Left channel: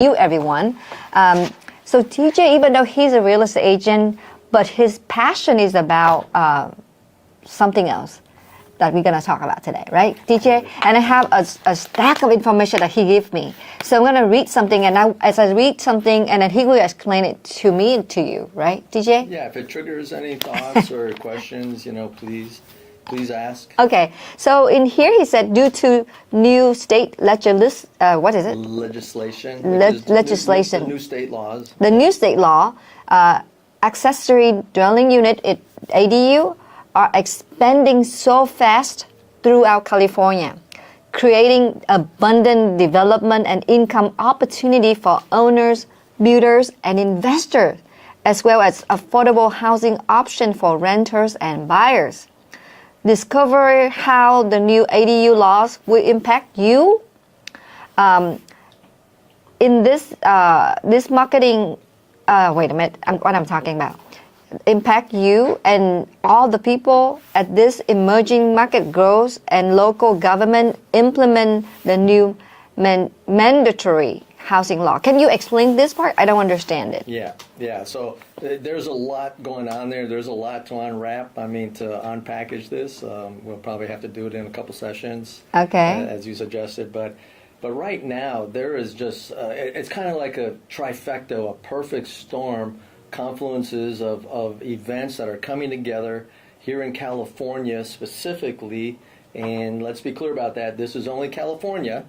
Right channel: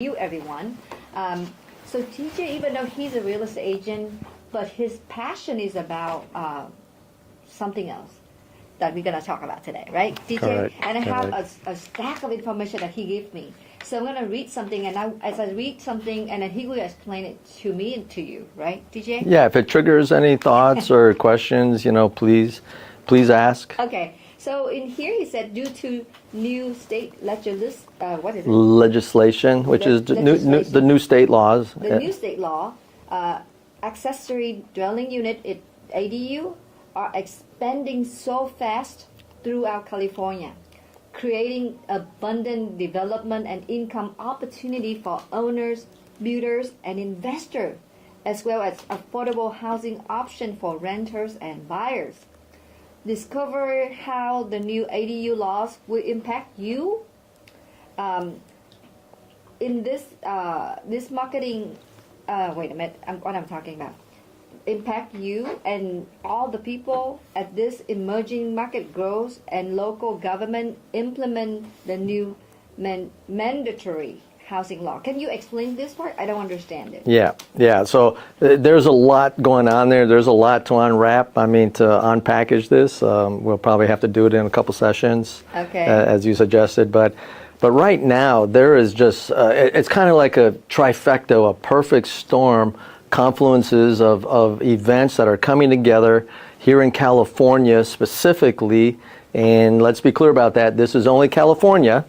you, everyone. So TJ, even though he's a real estate agent, but his passion is about something else that we're going to talk about today, right, TJ? Correct. And I have a stack of information that he gave me. So I'm going to read something, and as I read something, and then he will explain it to me and to you, right, TJ? Yeah, if it triggers any thoughts or questions, please ask. Okay, so in here he said due to new state what is it? Legislation, which is legislation. the new state laws. The new state law, accessory dwelling unit, ADU, are expanding so fast throughout California, creating abundant development and income opportunity for owners, builders, and investors, as well as affordable housing option for renters and buyers. Discover how the new ADU laws will impact you. In this marketing, wait a minute, what I'm talking about. Impact you and all the people at this emerging market grows and local government implement the new mandatory housing law. Can you explain this part? I don't understand it. Yeah. So there's a lot going on there. There's a lot to unwrap. To unpackage this, we'll probably have to do it in a couple sessions, as you suggested. But right now, there is just, it's kind of like a trifecta, a perfect storm, confluences of events that are coming together here in California specifically. And let's be clear about that. This is only California.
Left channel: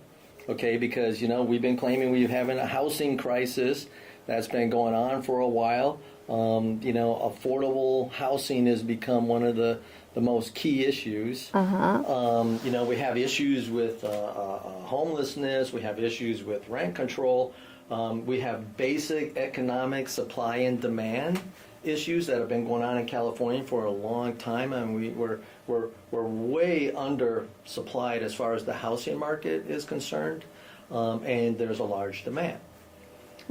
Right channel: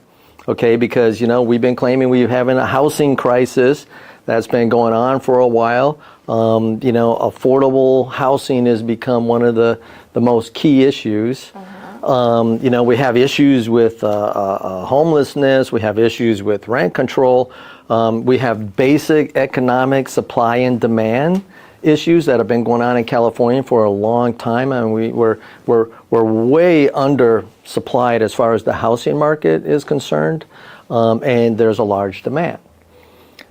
Okay, because, we've been claiming we're having a housing crisis that's been going on for a while. Affordable housing has become one of the most key issues. We have issues with homelessness. We have issues with rent control. We have basic economic supply and demand issues that have been going on in California for a long time, and we're way undersupplied as far as the housing market is concerned, and there's a large demand.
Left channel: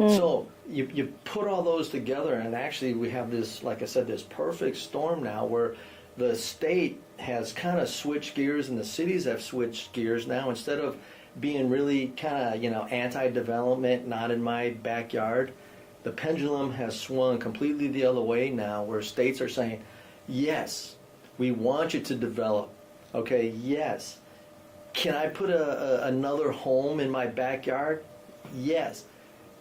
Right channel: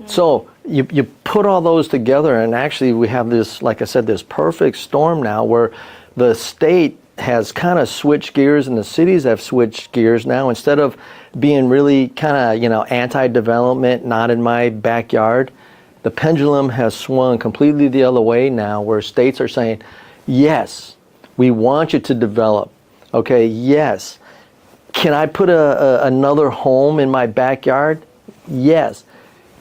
So you put all those together, and actually we have this, like I said, this perfect storm now where the state has kind of switched gears and the cities have switched gears now. Instead of being really kind of anti-development, not in my backyard, the pendulum has swung completely the other way now, where states are saying, yes, we want you to develop. Okay, yes. Can I put another home in my backyard? Yes.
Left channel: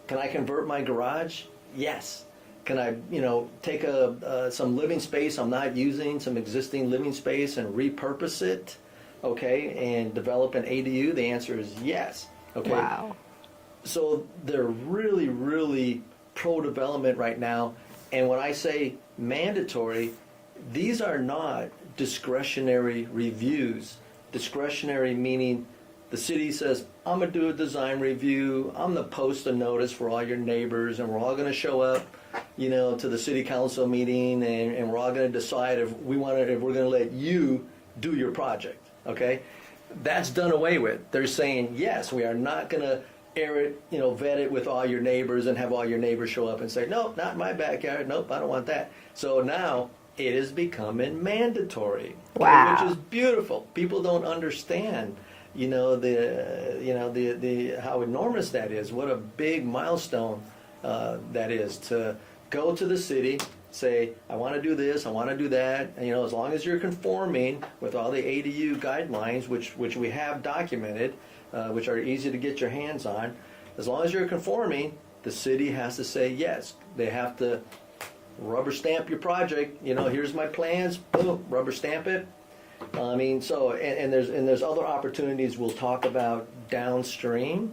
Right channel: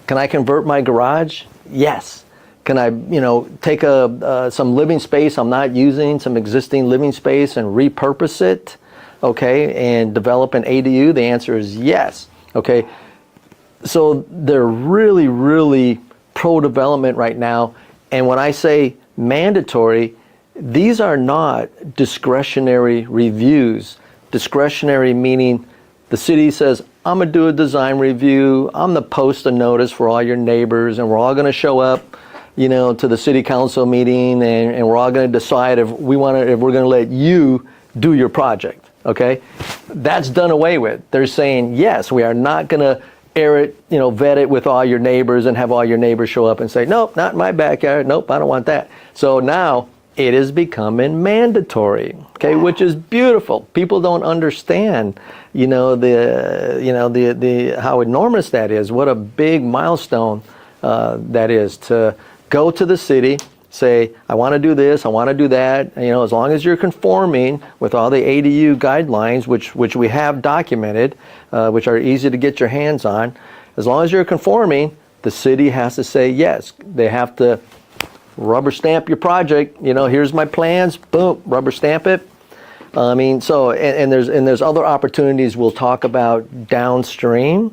Can I convert my garage? Yes. Can I, take some living space I'm not using, some existing living space, and repurpose it, okay, and develop an ADU? The answer is yes. Okay. Wow. So they're really, really pro-development right now. And when I say mandatory, these are not discretionary reviews. Discretionary meaning the city says, I'm going to do a design review, I'm going to post a notice for all your neighbors, and we're all going to show up, to the city council meeting, and we're all going to decide if we're going to let you do your project. Okay? That's done away with. They're saying, yes, we are not going to air it, vet it with all your neighbors and have all your neighbors show up and say, nope, not in my backyard. Nope, I don't want that. So now it is becoming mandatory, okay, wow, which is beautiful. People don't understand, the how enormous that is. What a big milestone that is to go to the city, say, I want to do this, I want to do that. As long as you're conforming with all the ADU guidelines, which we have documented, which are easy to get your hands on, as long as you're conforming, the city has to say yes. They have to rubber stamp your project. Here's my plans. Boom, rubber stamp it. There's other opportunities we'll talk about downstream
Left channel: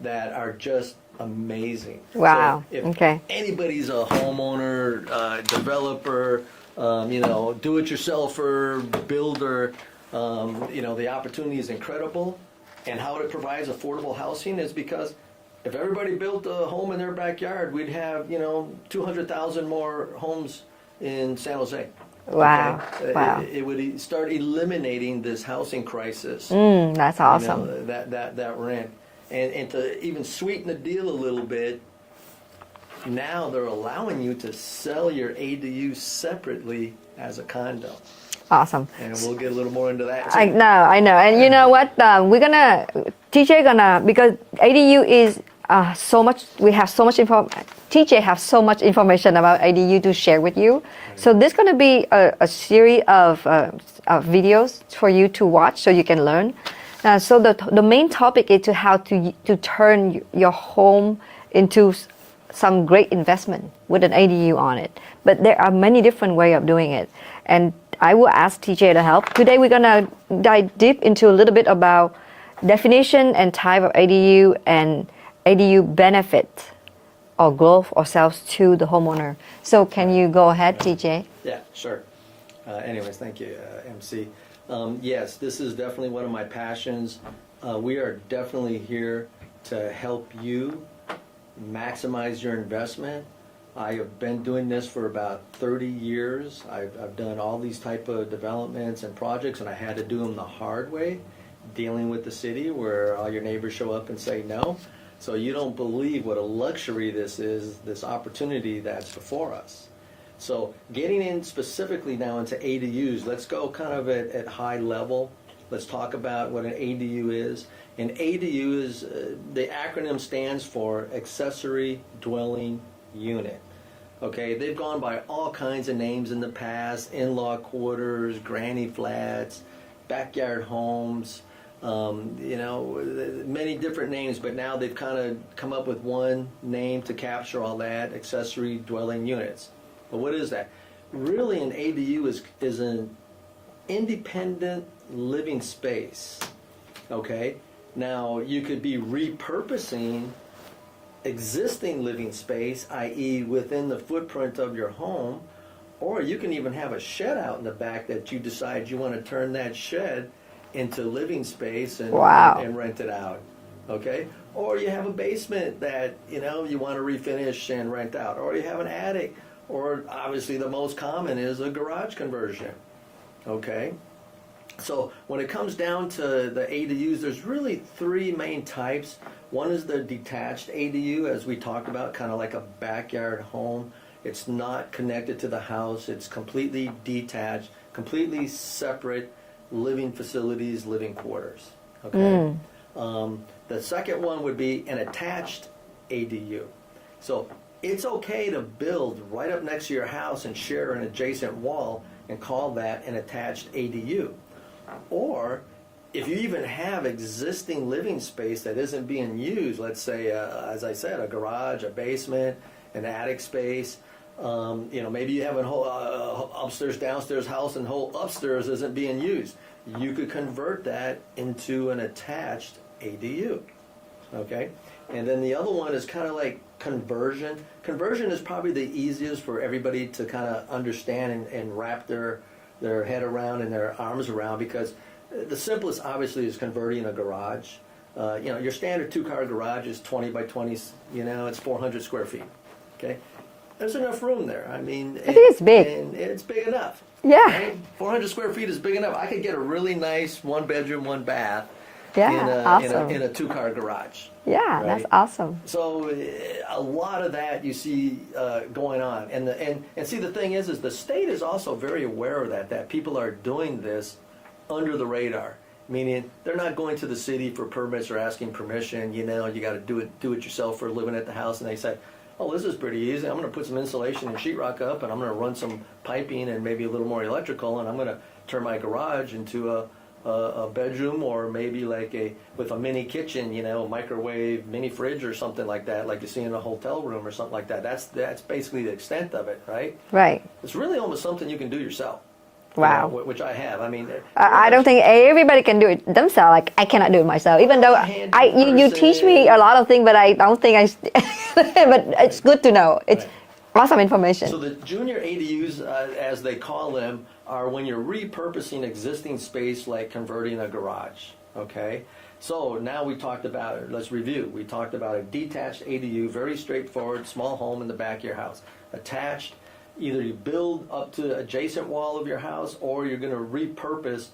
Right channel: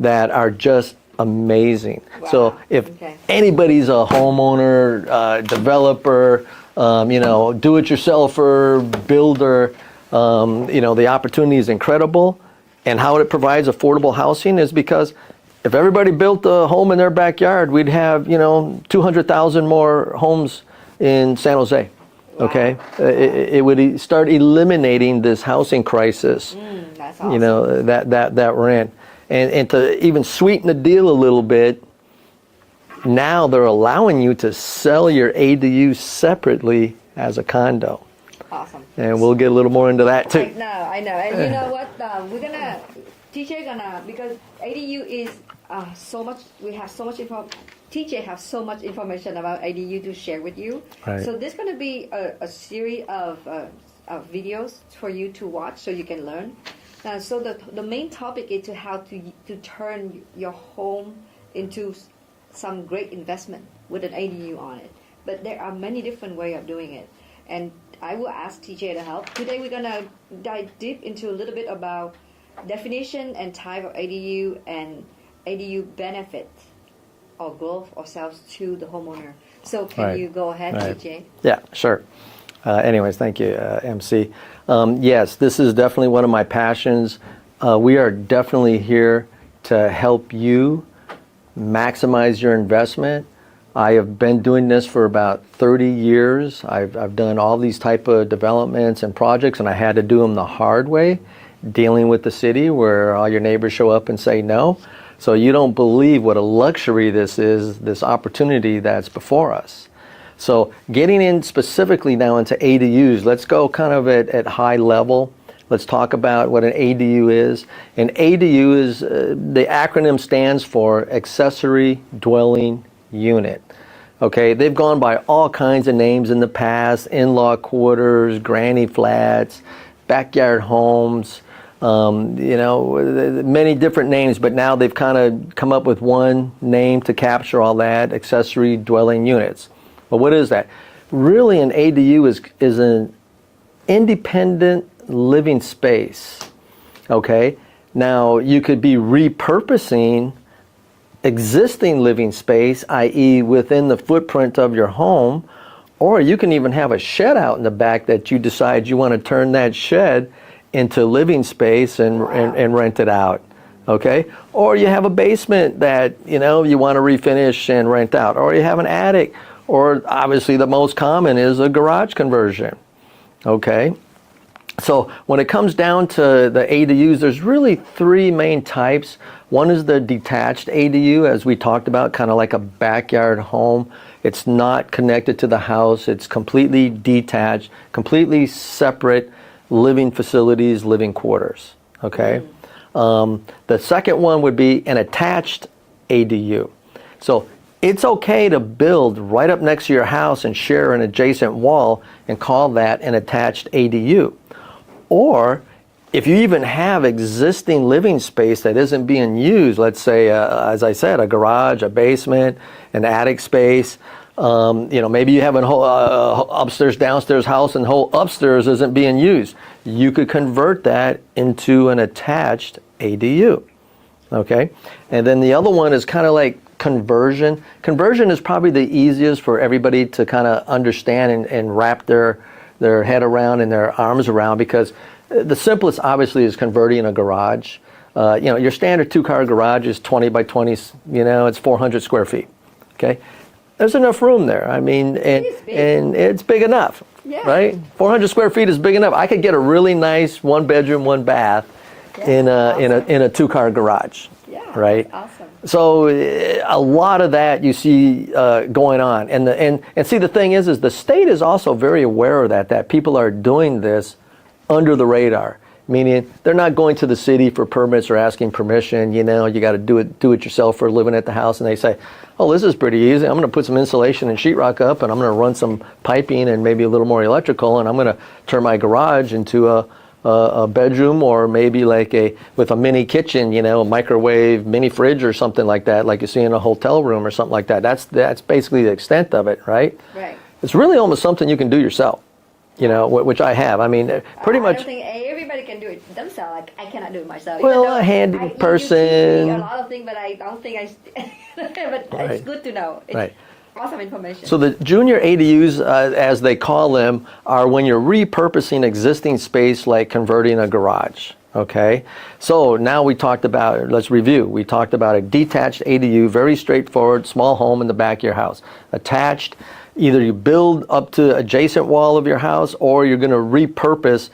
that are just amazing. Wow. So if anybody's a homeowner, developer, do-it-yourselfer, builder, the opportunity is incredible. And how it provides affordable housing is because if everybody built a home in their backyard, we'd have, 200,000 more homes in San Jose. Wow. Okay? Wow. It would start eliminating this housing crisis. That's awesome. That we're in. And to even sweeten the deal a little bit, now they're allowing you to sell your ADU separately as a condo. Awesome. And we'll get a little more into that too. I know. And you know what? TJ because ADU is so much. We have so much info. TJ have so much information about ADU to share with you. Right. So this is going to be a series of videos for you to watch so you can learn. So the main topic is to how to turn your home into some great investment with an ADU on it. But there are many different ways of doing it. And I will ask TJ to help. Today we're going to dive deep into a little bit about definition and type of ADU and ADU benefit or growth or sales to the homeowner. So can you go ahead, TJ? Yeah, sure. Anyways, thank you, MC. Yes, this is definitely one of my passions. We are definitely here to help you maximize your investment. I have been doing this for about 30 years. I've done all these type of developments and projects, and I had to do them the hard way, dealing with the city where all your neighbors show up and say no. So you don't believe what a luxury this is, this opportunity that's before us. So getting in specifically now into ADUs, let's go kind of at high level. Let's talk about what an ADU is. An ADU is, the acronym stands for Accessory Dwelling Unit. Okay, they've gone by all kinds of names in the past: in-law quarters, granny flats, backyard homes, many different names, but now they've kind of come up with one name to capture all that: accessory dwelling units. But what is that? Really, an ADU is an independent living space. Okay, now you could be repurposing existing living space, i.e. within the footprint of your home, or you can even have a shed out in the back that you decide you want to turn that shed into living space and rent it out. Okay, or you have a basement that you want to refinish and rent out, or you have an attic, or obviously the most common is a garage conversion. Okay, so when it comes down to the ADUs, there's really three main types. One is the detached ADU, as we talked about, kind of like a backyard home. It's not connected to the house. It's completely detached, completely separate living facilities, living quarters. Okay. The second one would be an attached ADU. So it's okay to build right up next to your house and share an adjacent wall and call that an attached ADU. Or if you even have existing living space that isn't being used, let's say, as I said, a garage, a basement, an attic space, maybe you have a whole upstairs, downstairs house and the whole upstairs isn't being used. You could convert that into an attached ADU. Okay? And then the other one is kind of like conversion. Conversion is probably the easiest for everybody to kind of understand and wrap their head around and their arms around, because the simplest obviously is converting a garage. Your standard 2-car garage is 20 by 20, it's 400 square feet. Okay? There's enough room there. I mean, it is big. And it's big enough. Yeah. Right? 400 square feet is big enough. I could get a really nice 1-bedroom, 1-bath in a 2-car garage. Yeah, right? That's awesome. So a lot of that you see going on. And see, the thing is the state is also very aware of that people are doing this under the radar, meaning they're not going to the city for permits or asking permission. You got to do it yourself for living at the house. And they say, oh, this is pretty easy. I'm going to put some insulation and sheetrock up, and I'm going to run some piping and maybe a little more electrical, and I'm going to turn my garage into a bedroom, or maybe with a mini kitchen, a microwave, mini fridge or something like that, like you see in a hotel room or something like that. That's basically the extent of it, right? Right. It's really almost something you can do yourself. Which I have. I mean, pretty much. I don't think everybody can do it themselves. Like, I cannot do it myself. Even though you teach me a lot of things, but I don't think but it's good to know. It's awesome information. So the junior ADUs, as they call them, are when you're repurposing existing space, like converting a garage. Okay. So now let's review. We talked about a detached ADU, very straightforward, small home in the back of your house. Attached, either you build up to adjacent wall of your house, or you're going to repurpose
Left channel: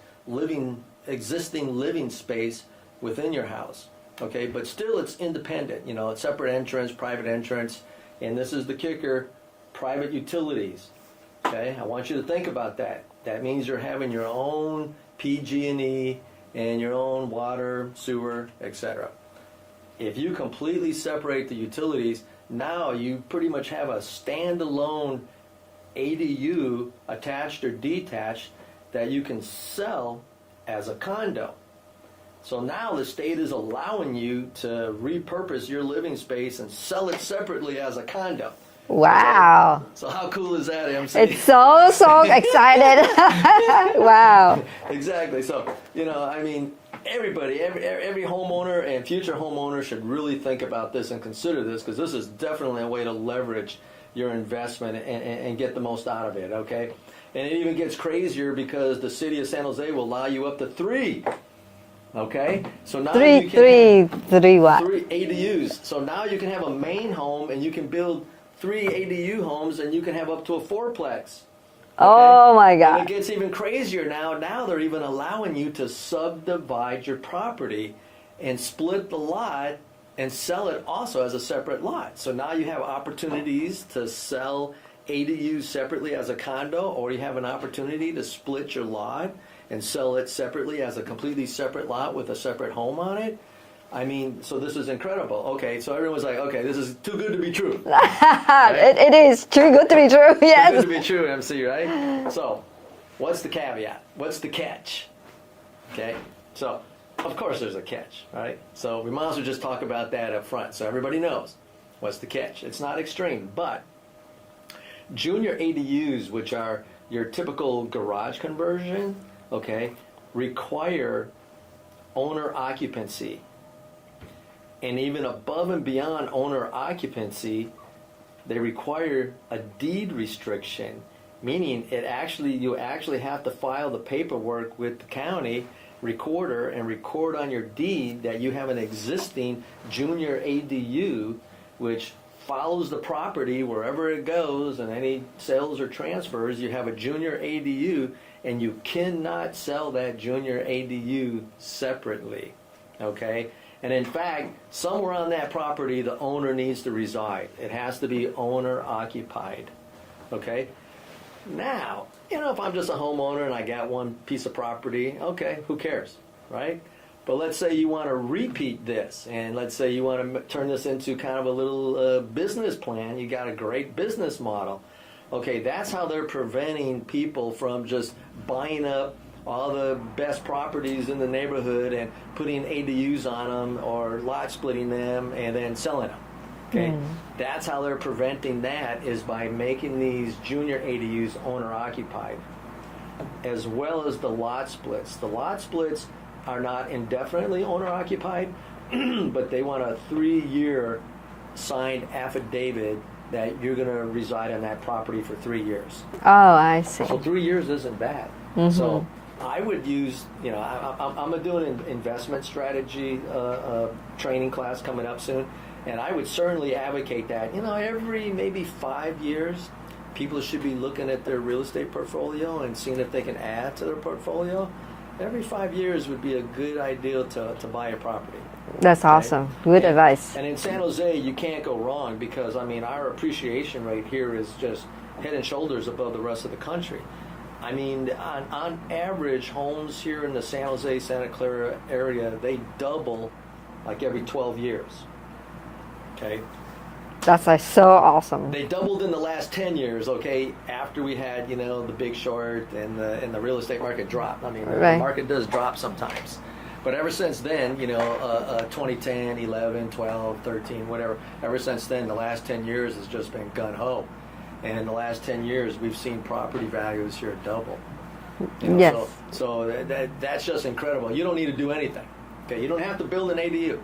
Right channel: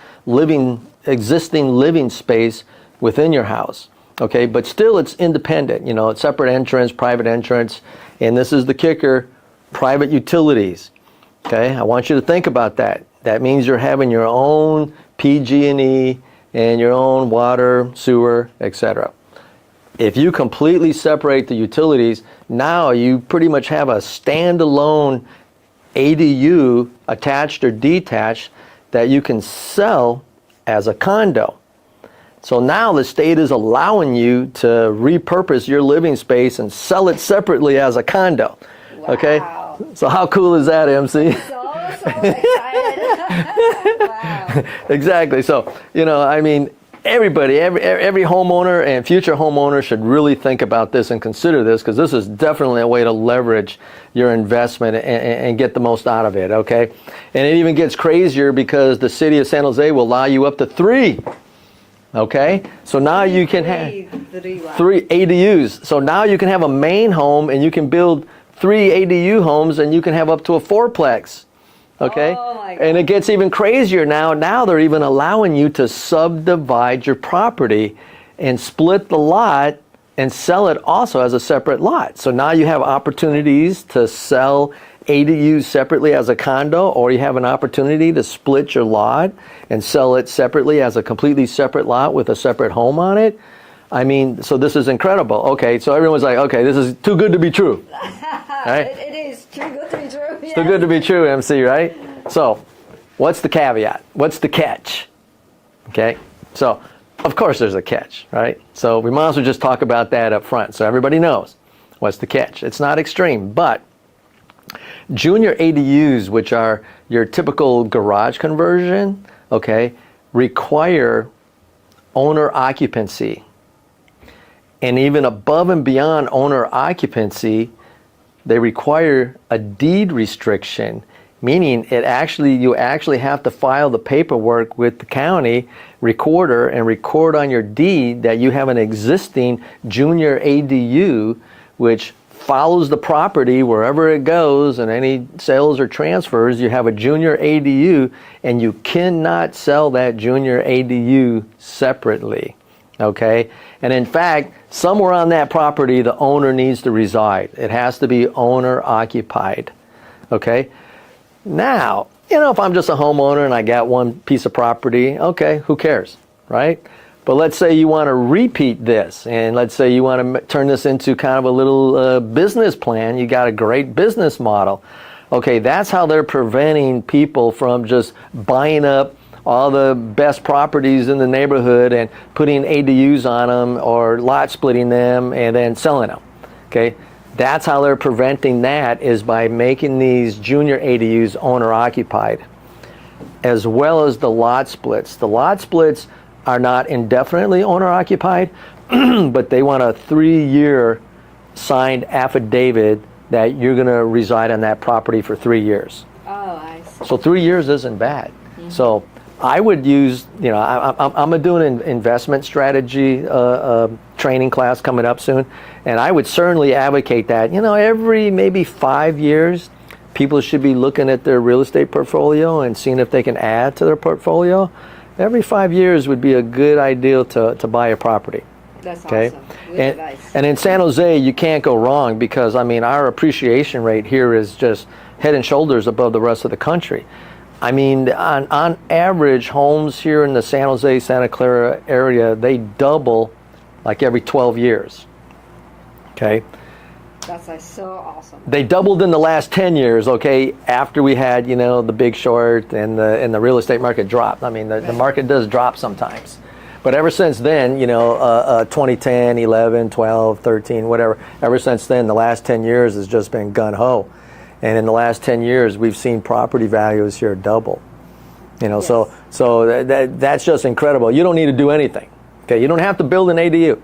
existing living space within your house. Okay, but still it's independent. It's separate entrance, private entrance, and this is the kicker: private utilities. Okay, I want you to think about that. That means you're having your own PG&E and your own water, sewer, etc. if you completely separate the utilities, now you pretty much have a standalone ADU, attached or detached, that you can sell as a condo. So now the state is allowing you to repurpose your living space and sell it separately as a condo. Wow. Okay? So how cool is that, MC? It's so excited. Wow. Exactly. So, I mean, everybody, every homeowner and future homeowner should really think about this and consider this, because this is definitely a way to leverage your investment and get the most out of it, okay? And it even gets crazier because the city of San Jose will allow you up to 3. Okay, so now you can have 3 ADUs. So now you can have a main home and you can build 3 ADU homes and you can have up to a 4-plex. Okay? Oh my God. And it gets even crazier now. Now they're even allowing you to subdivide your property and split the lot and sell it also as a separate lot. So now you have opportunities to sell ADUs separately as a condo, or you have an opportunity to split your lot and sell it separately as a completely separate lot with a separate home on it. I mean, so this is incredible. Okay, so everyone's like, okay, this is too good to be true. Right? It is too good to be true. Yes. Too good to be true, MC, right? So what's the caveat? What's the catch? Okay, so of course there's a catch, right? So we might as well just talk about that up front so everybody knows what's the catch. It's not extreme, but junior ADUs, which are your typical garage conversion, okay, require owner occupancy. And even above and beyond owner occupancy, they require a deed restriction, meaning you actually have to file the paperwork with the county recorder and record on your deed that you have an existing junior ADU, which follows the property wherever it goes, and any sales or transfers, you have a junior ADU, and you cannot sell that junior ADU separately, okay? And in fact, somewhere on that property, the owner needs to reside. It has to be owner occupied, okay? Now, if I'm just a homeowner and I got one piece of property, okay, who cares, right? But let's say you want to repeat this, and let's say you want to turn this into kind of a little business plan. You got a great business model. Okay, that's how they're preventing people from just buying up all the best properties in the neighborhood and putting ADUs on them or lot splitting them and then selling them. Okay, that's how they're preventing that, is by making these junior ADUs owner occupied, as well as the lot splits. The lot splits are not indefinitely owner occupied, but they want a 3-year signed affidavit that you're going to reside on that property for 3 years. Oh, I see. So 3 years isn't bad. So I would use, I'm doing an investment strategy training class coming up soon, and I would certainly advocate that, every maybe 5 years, people should be looking at their real estate portfolio and seeing if they can add to their portfolio. Every 5 years would be a good idea to buy a property. That's awesome. Good advice. And in San Jose, you can't go wrong, because, our appreciation rate here is just head and shoulders above the rest of the country. On average, homes here in the San Jose, Santa Clara area, they double like every 12 years. Okay? That's so awesome. They doubled in the last 10 years, okay, after we had, the Big Short and the real estate market dropped. The market does drop sometimes. But ever since then, 2010, 11, 12, 13, whatever, ever since then, the last 10 years has just been gun-ho. And in the last 10 years, we've seen property values here double. Yes. So that's just incredible. You don't need to do anything. Okay, you don't have to build an ADU,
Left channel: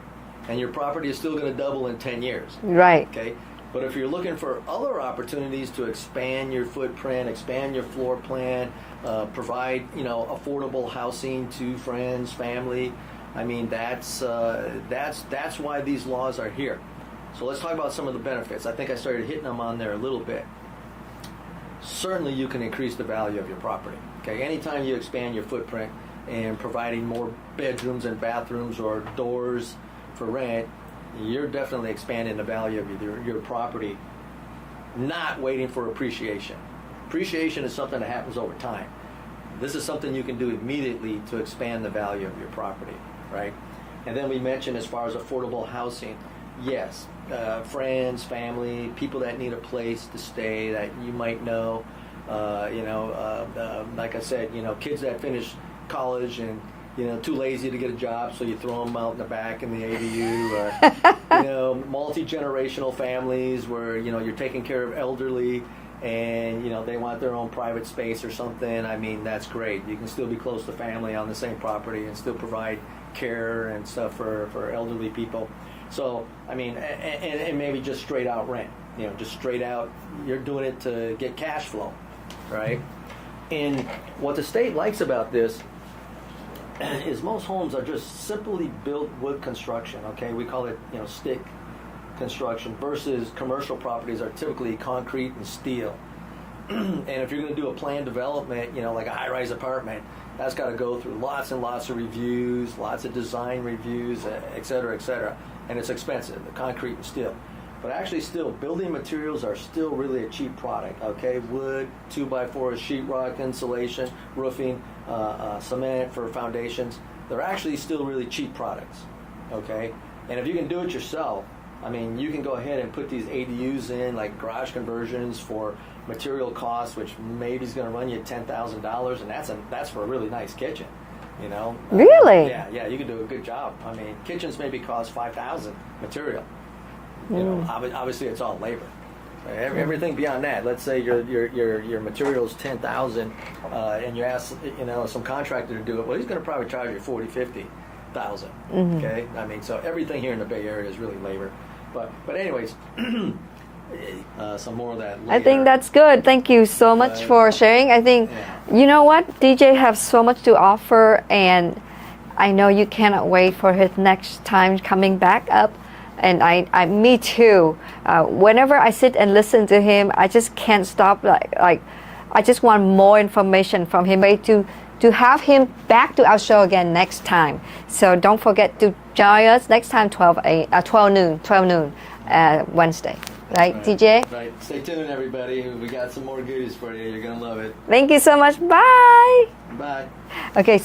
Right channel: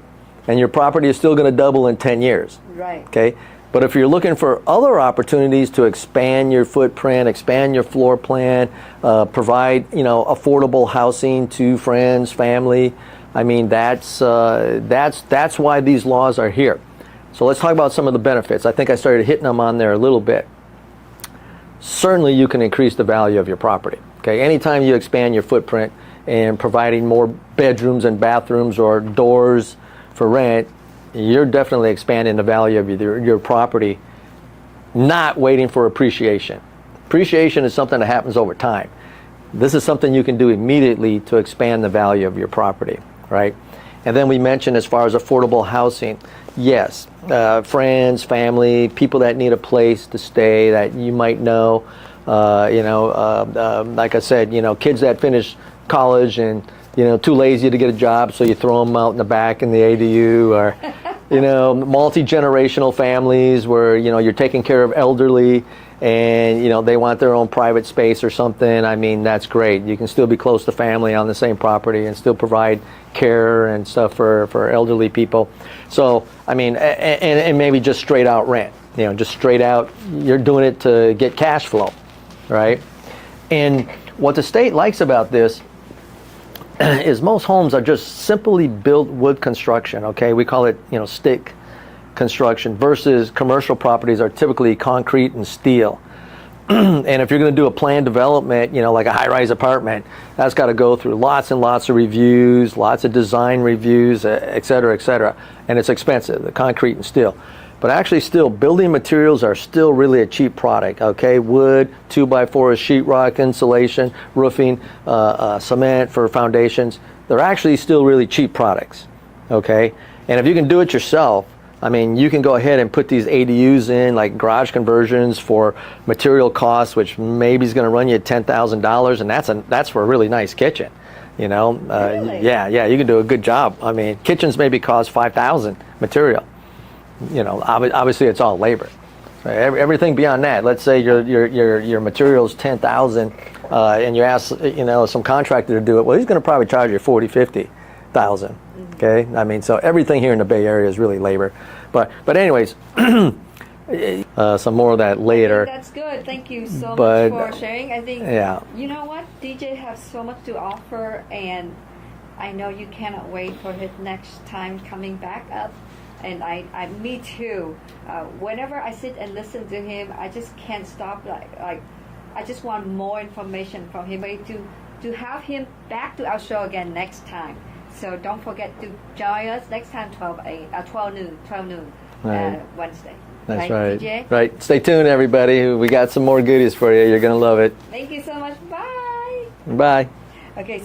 and your property is still going to double in 10 years. Right. Okay, but if you're looking for other opportunities to expand your footprint, expand your floor plan, provide affordable housing to friends, family, that's why these laws are here. So let's talk about some of the benefits. I think I started hitting them on there a little bit. Certainly, you can increase the value of your property. Okay, anytime you expand your footprint and providing more bedrooms and bathrooms or doors for rent, you're definitely expanding the value of your property, not waiting for appreciation. Appreciation is something that happens over time. This is something you can do immediately to expand the value of your property, right? And then we mentioned as far as affordable housing, yes, friends, family, people that need a place to stay that you might know, like I said, kids that finish college and too lazy to get a job, so you throw them out in the back in the ADU, or multi-generational families where you're taking care of elderly and they want their own private space or something. I mean, that's great. You can still be close to family on the same property and still provide care and stuff for elderly people. So I mean, and maybe just straight out rent, just straight out, you're doing it to get cash flow, right? And what the state likes about this is most homes are just simply built wood construction, okay? We call it, stick construction, versus commercial properties are typically concrete and steel. And if you're going to do a planned development, like a high-rise apartment, that's got to go through lots and lots of reviews, lots of design reviews, et cetera, and it's expensive, the concrete and steel. But actually still, building materials are still really a cheap product, okay? Wood, 2x4 sheetrock, insulation, roofing, cement for foundations. They're actually still really cheap products, okay? And if you can do it yourself, I mean, you can go ahead and put these ADUs in, like garage conversions for material costs, which maybe is going to run you $10,000, and that's for a really nice kitchen, Really? Yeah, you can do a good job. I mean, kitchens maybe cost $5,000 material. Obviously it's all labor. Right? Everything beyond that, let's say your material's $10,000, and you ask some contractor to do it. Well, he's going to probably charge you $40,000, $50,000. Okay, I mean, so everything here in the Bay Area is really labor. But anyways, some more of that later. I think that's good. Thank you so much for sharing. I think you know what, DJ has so much to offer, and I know you cannot wait for his next time coming back up. And me too. Whenever I sit and listen to him, I just can't stop. Like I just want more information from him. To have him back to our show again next time. So don't forget to join us next time, 12 noon, right. Wednesday. Right, TJ? Right. Stay tuned, everybody. We got some more goodies for you. You're gonna love it. Thank you so much. Bye. Bye. Okay, so